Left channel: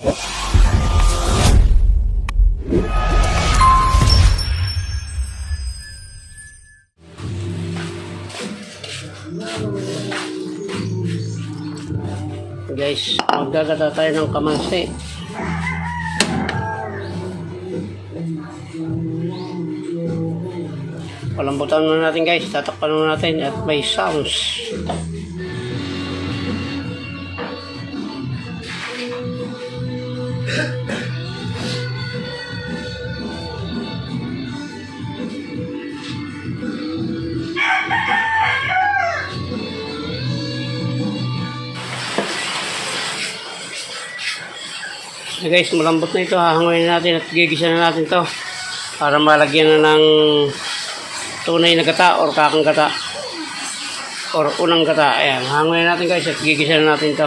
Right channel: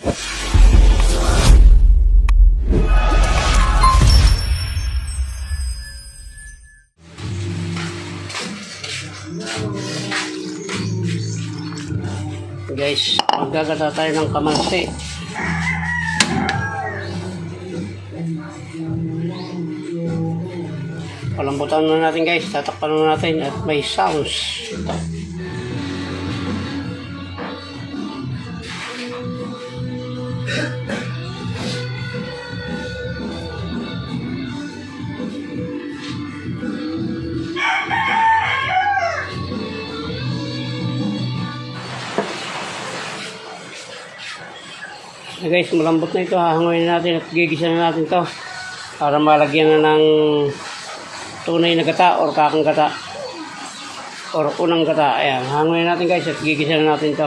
Guys, magagata tayo ng kamansi. Palambutan na natin guys, tatakpan na natin at may sounds. Guys, malambot na ito. Hahanguin natin at gigisa na natin to para malagyan na ng tunay na gata or kakang gata or unang gata. Ayan, hahanguin natin guys at gigisa na natin to.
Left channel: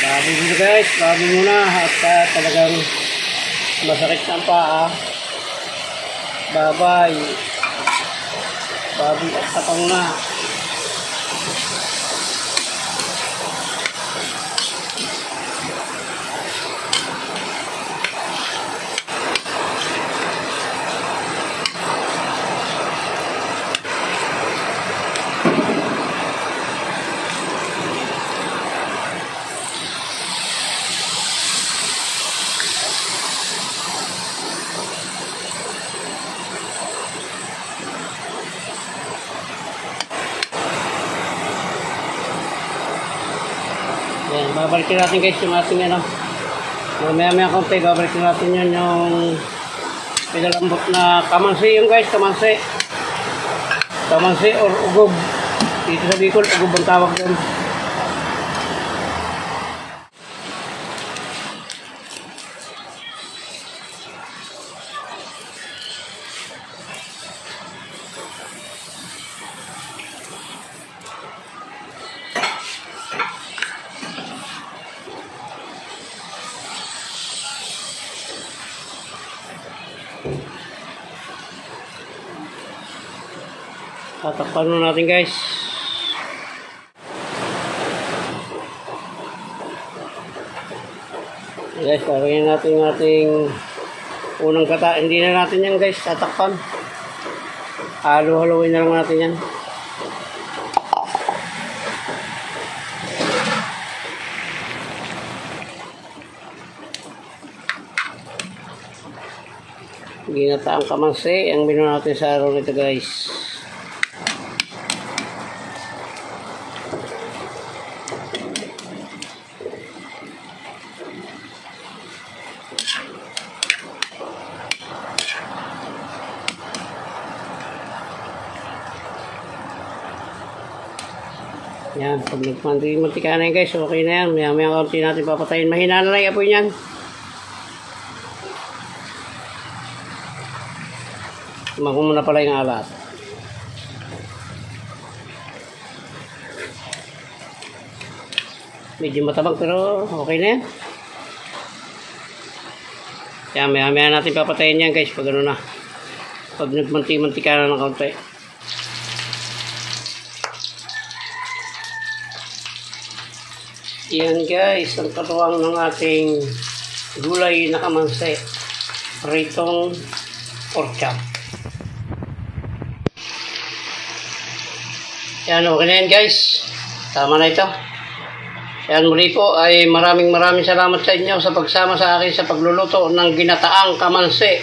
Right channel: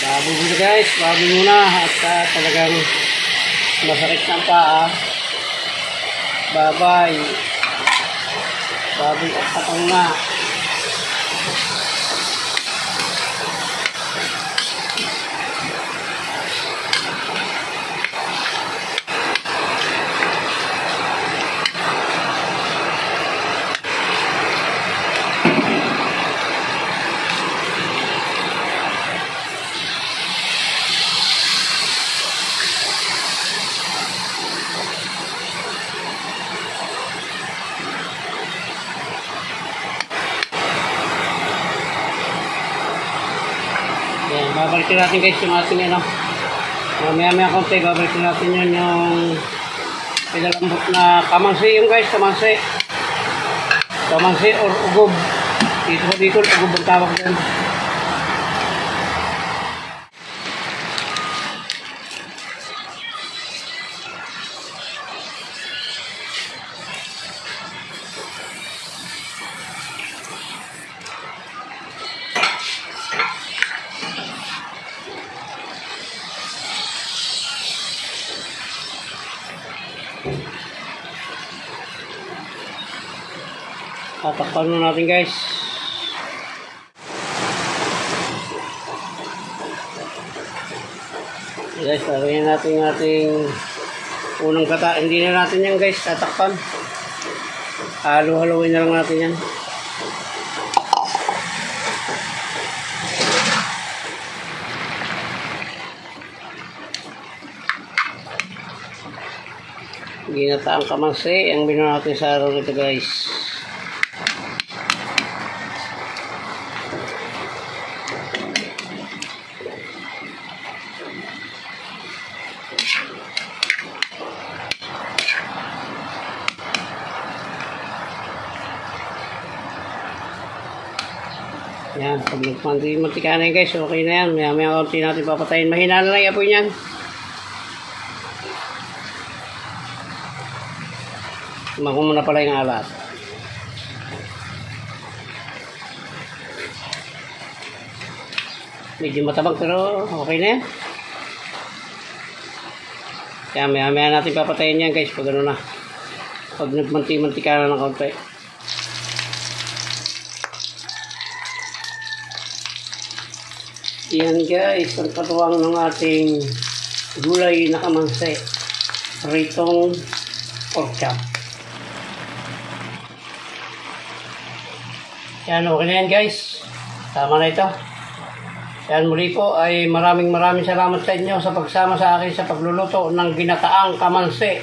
Baboy muna guys, baboy muna at talagang masakit ng paa. Baboy at katong na. Yan, babalikin natin guys yung ating ano. Mamaya konti, babalikin natin yun yung pinalambot na kamansi yung guys, kamansi or ugob. Dito sa Bicol, ugob ang tawag doon. Tatakpan na natin guys. Guys, lagyan natin yung ating unang gata. Hindi na natin yan guys, tatakpan. Halo-haloin na lang natin yan. Ginataang kamansi ang binuha natin sa araw nito guys. Yan, pag nagmantika na yan guys, okay na yan. Maya kaunti natin papatayin. Mahina na lang yung apoy niyan. Tumakbo mo na pala yung alat. Medyo matabang pero okay na yan. Yan, maya natin papatayin yan guys pag ano na. Pag nagmantika na ng kaunti. Yan guys, ang katuwang ng ating gulay na kamansi. Pritong pork chop. Yan, okay na yan guys. Tama na ito. Yan, muli po ay maraming salamat sa inyo sa pagsama sa akin sa pagluluto ng ginataang kamansi.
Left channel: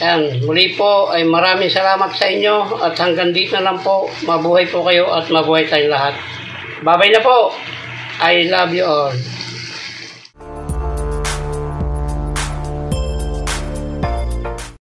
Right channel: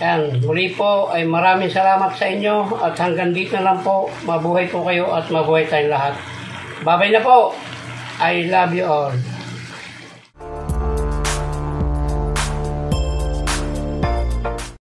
Yan, muli po ay maraming salamat sa inyo at hanggang dito na lang po. Mabuhay po kayo at mabuhay tayong lahat. Bye-bye na po. I love you all.